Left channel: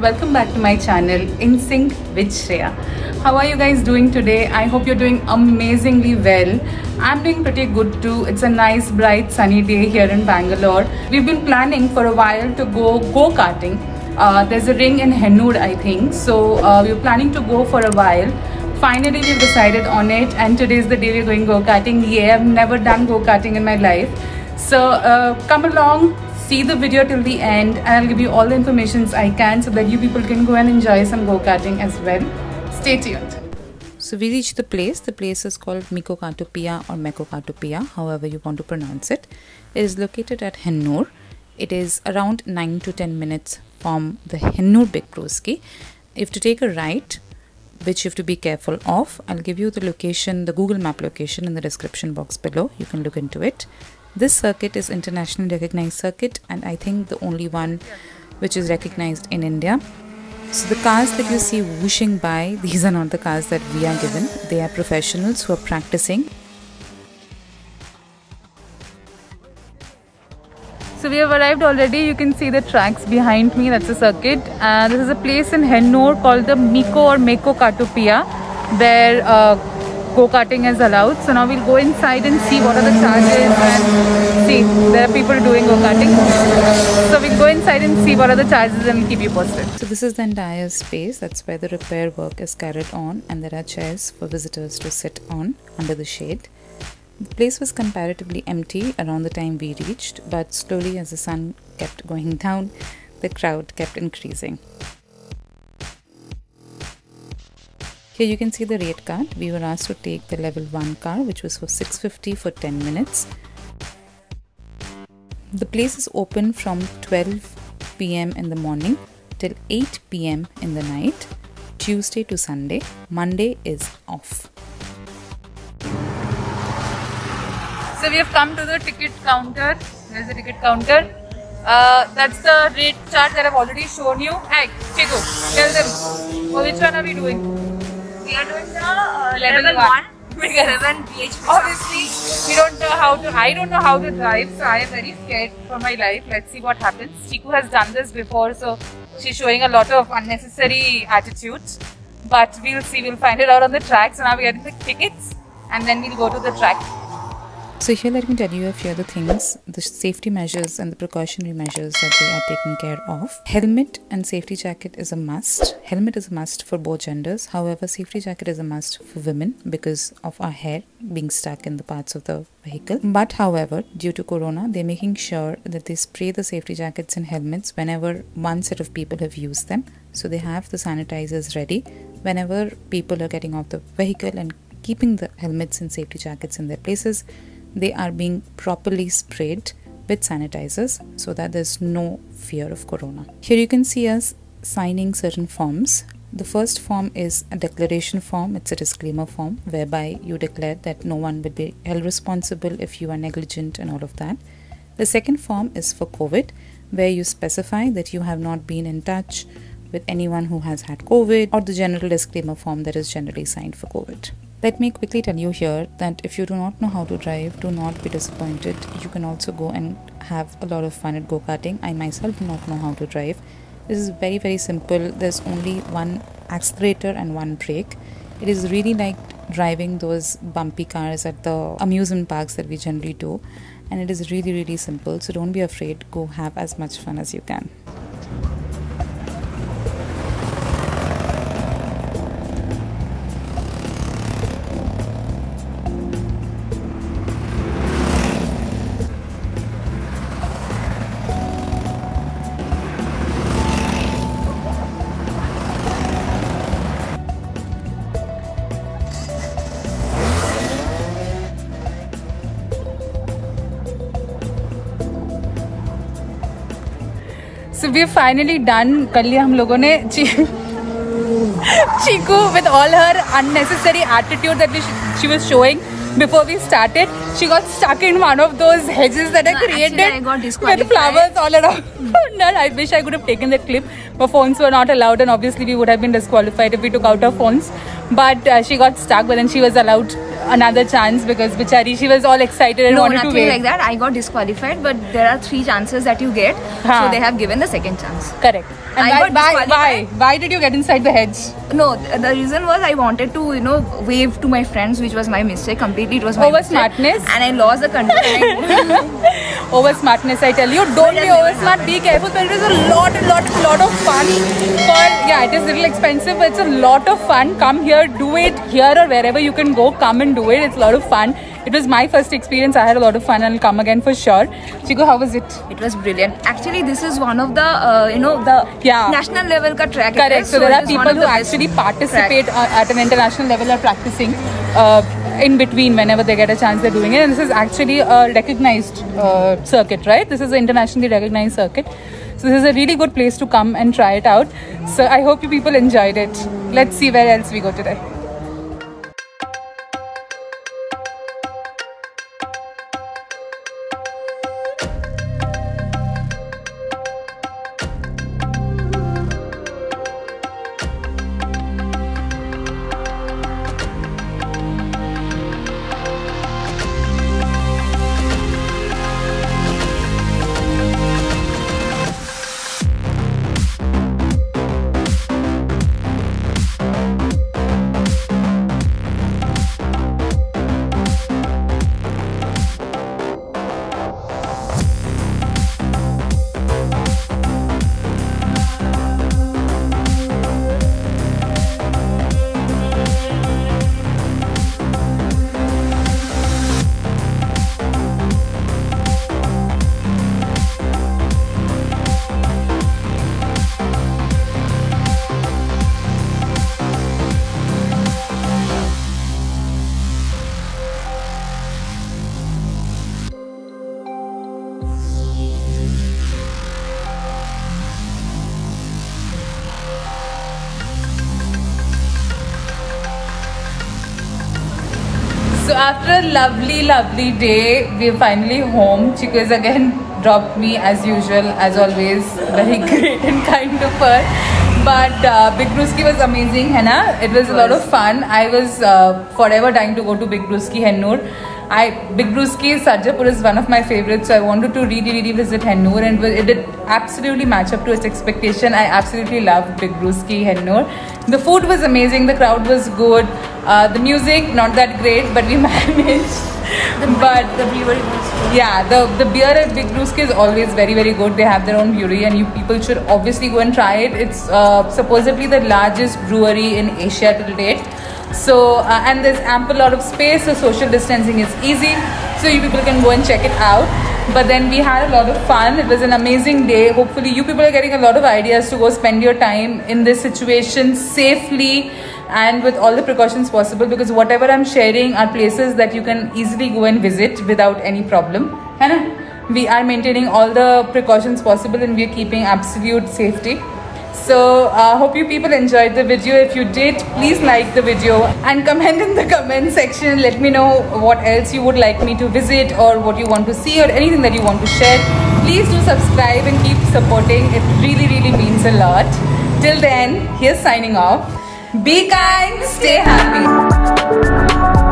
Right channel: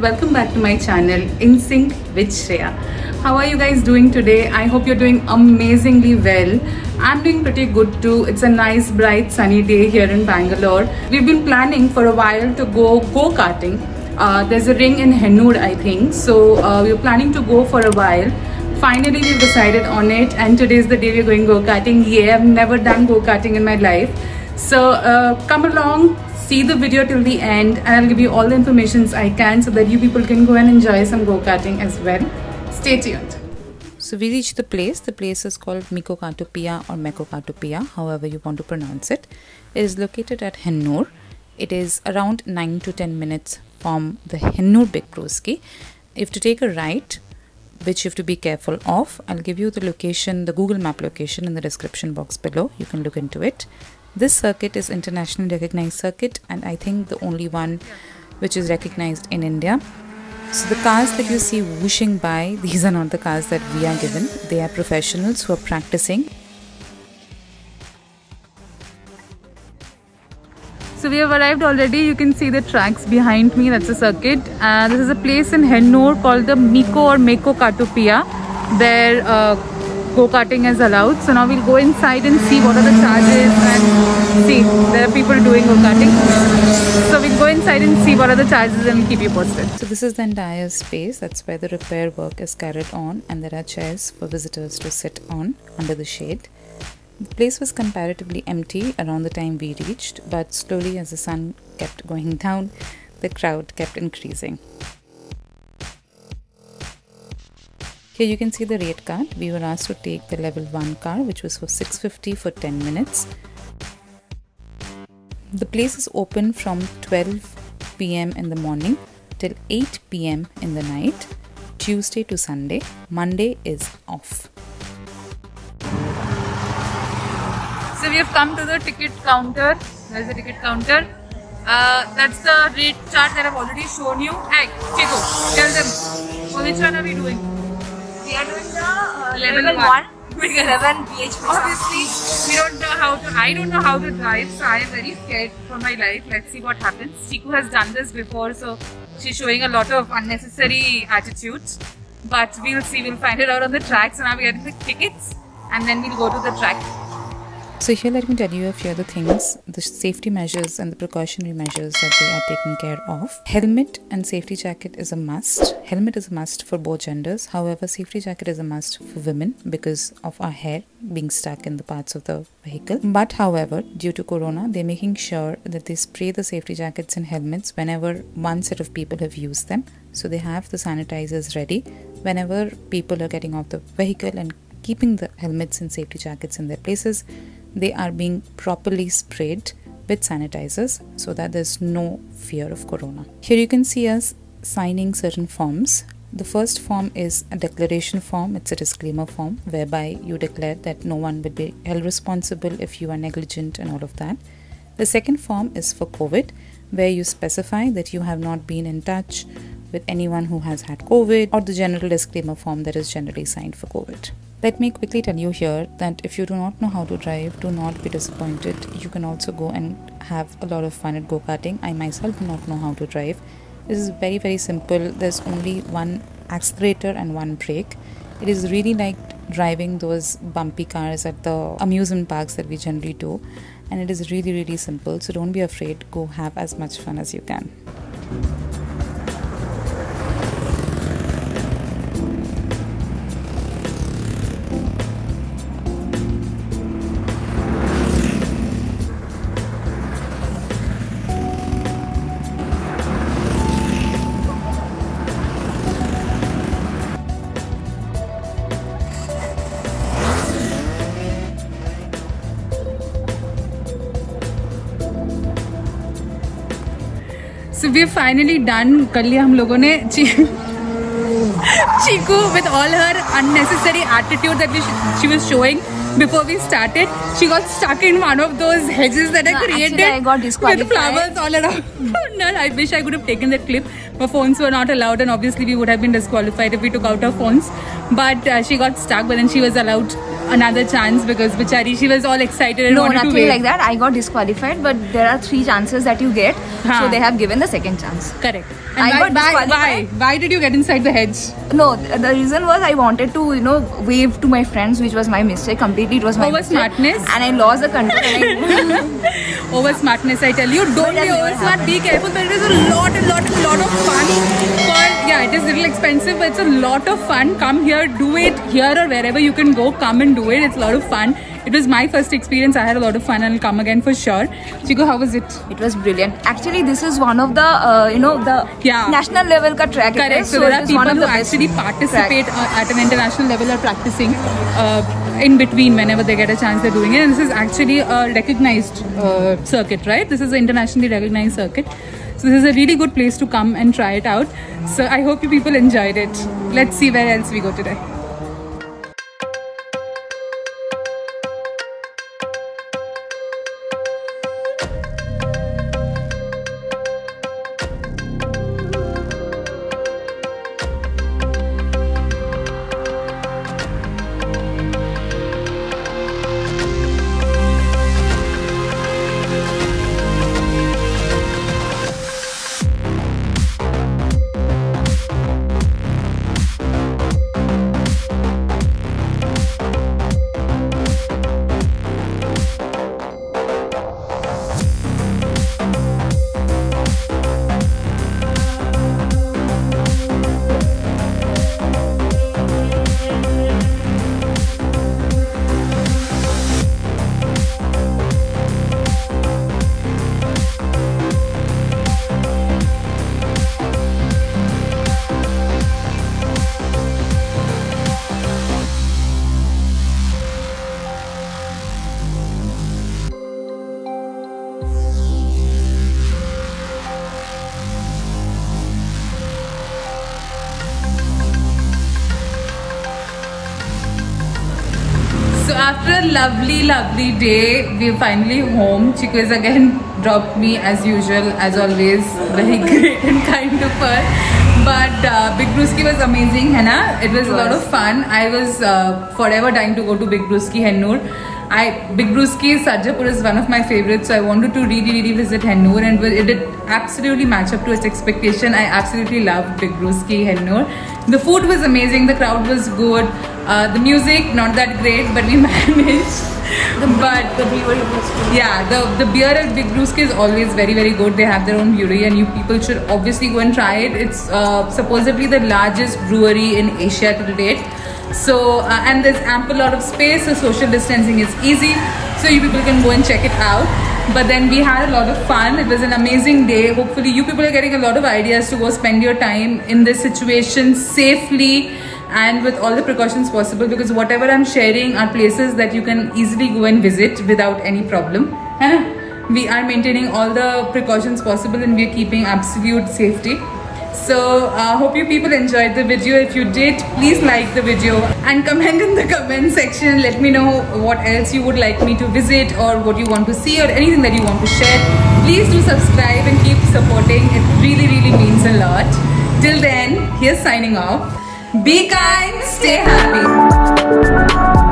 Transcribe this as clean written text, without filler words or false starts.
welcome back to my channel In Sync with Shreya. How are you guys doing today? I hope you're doing amazingly well. I'm doing pretty good too. It's a nice bright sunny day here in Bangalore. We've been planning for a while to go-karting. There's a ring in Hennur, I think, so we were planning to go for a while. Finally we've decided on it, and today is the day we're going go-karting. Yeah, I've never done go-karting in my life. So come along, see the video till the end, and I'll give you all the information I can so that you people can go and enjoy some go-karting as well. Stay tuned. So we reached the place. The place is called Mikokatupia or Mekokatupia, however you want to pronounce it. It is located at Hennur. It is around 9 to 10 minutes from the Hennur Big Broski. If to take a right, which you have to be careful of, I'll give you the location, the Google Map location in the description box below. You can look into it. This circuit is internationally recognized circuit, and I think the only one which is recognized in India. So the cars that you see whooshing by, these are not the cars that we are given. They are professionals who are practicing. So we have arrived already. You can see the tracks behind me. That's a circuit. This is a place in Hennur called the Mekokatupia, where go-karting is allowed. So now we'll go inside and see what are the charges and see. There are people doing go-karting. So we'll go inside and see what are the charges and we'll keep you posted. So this is the entire space. That's where the repair work is carried on, and there are chairs for visitors to sit on under the shade. The place was comparatively empty around the time we reached, but slowly as the sun kept going down, the crowd kept increasing. Here you can see the rate card. We were asked to take the level 1 car, which was for 650 for 10 minutes. The place is open from 12 PM in the morning till 8 PM in the night, Tuesday to Sunday. Monday is off. So we have come to the ticket counter. There's the ticket counter. That's the rate chart that I've already shown you. Hey, Chico, tell them. Oh, which one are we doing? We are doing the level 1 with 7 bhp. Obviously, we don't know how to. I don't know how to drive, so I am very scared for my life. Let's see what happens. Chiku has done this before, so she's showing a lot of unnecessary attitudes. But we'll see. We'll find it out on the track. So now we're getting the tickets, and then we'll go to the track. So here let me tell you a few other things, the safety measures and the precautionary measures that they are taking care of. Helmet and safety jacket is a must. Helmet is a must for both genders. However, safety jacket is a must for women because of our hair being stuck in the parts of the vehicle. But however, due to corona, they're making sure that they spray the safety jackets and helmets whenever one set of people have used them. So they have the sanitizers ready whenever people are getting off the vehicle and keeping the helmets and safety jackets in their places. They are being properly sprayed with sanitizers so that there's no fear of corona. Here you can see us signing certain forms. The first form is a declaration form. It's a disclaimer form whereby you declare that no one will be held responsible if you are negligent and all of that. The second form is for COVID, where you specify that you have not been in touch with anyone who has had COVID, or the general disclaimer form that is generally signed for COVID. Let me quickly tell you here that if you do not know how to drive, do not be disappointed. You can also go and have a lot of fun at go-karting. I myself do not know how to drive. This is very, very simple. There's only one accelerator and one brake. It is really like driving those bumpy cars at the amusement parks that we generally do. And it is really, really simple. So don't be afraid. Go have as much fun as you can. So we're finally done. कल हम लोगों ने Chiku, with all her unnecessary attitude that she was showing before we started, she got stuck in one of those hedges that I created. Actually, I got disqualified. With flowers all around. No, I wish I could have taken the clip. Our phones were not allowed, and obviously we would have been disqualified if we took out our phones. But she got stuck, but then she was allowed another chance because Bichari, she was all excited and No, wanted to nothing win. like that. I got disqualified, but there are 3 chances that you get. So they have given the second chance. Correct. And I got why? disqualified. Why did you get inside the hedge? No, the reason was I wanted to, you know, wave to my friends, which was my mistake. Completely, it was my Over mistake. smartness? And I lost the control. And Over smartness, I tell you. Don't be it has never over smart. Be happened. careful. There is a lot of fun. Yeah, it is a little expensive, but it's a lot of fun. Come here, do it here or wherever you can go. Come and do it. It's a lot of fun. It was my first experience. I had a lot of fun and I'll come again for sure. Chiku, how was it? it was brilliant. Actually, this is one of the, you know, the national level ka track. Correct. It is. So So there it are is people one of who the best actually participate track. at an international level are practicing in between whenever they get a chance they're doing it. And this is actually a recognized circuit, right? This is an internationally recognized circuit. So this is a really good place to come and try it out. So I hope you people enjoyed it. Let's see where else we go today. So after a lovely day, we're finally home. Chiku is again dropped me as usual, as always. Very great and kind of her. But Big Brewski was amazing, है ना? It was a lot of fun. I was forever dying to go to Big Brewski, Hennur. Big Brewski Sarjapur is one of my favorites, so I wanted to really visit Hennur, and it did absolutely match up to its expectation. I absolutely loved Big Brewski Hennur. The food was amazing, the crowd was good, the music not that great, but we managed. The brewery was good. Yeah, the beer at Big Brewski is always very good. They have their own brewery, and you people should obviously go and try it. It's supposedly the largest brewery in Asia to date. So and there's ample lot of space, so social distancing is easy, so you people can go and check it out. But then we had a lot of fun. It was an amazing day. Hopefully you people are getting a lot of ideas to go spend your time in this situation safely and with all the precautions possible, because whatever I'm sharing are places that you can easily go and visit without any problem. We are maintaining all the precautions possible and we are keeping absolute safety. So hope you people enjoyed the video. If you did, please like the video and comment in the comment section. Let me know what else you would like me to visit or what you want to see or anything that you want to share. Please do subscribe and keep supporting. It really means a lot. Till then, here's signing off. Be kind, stay happy.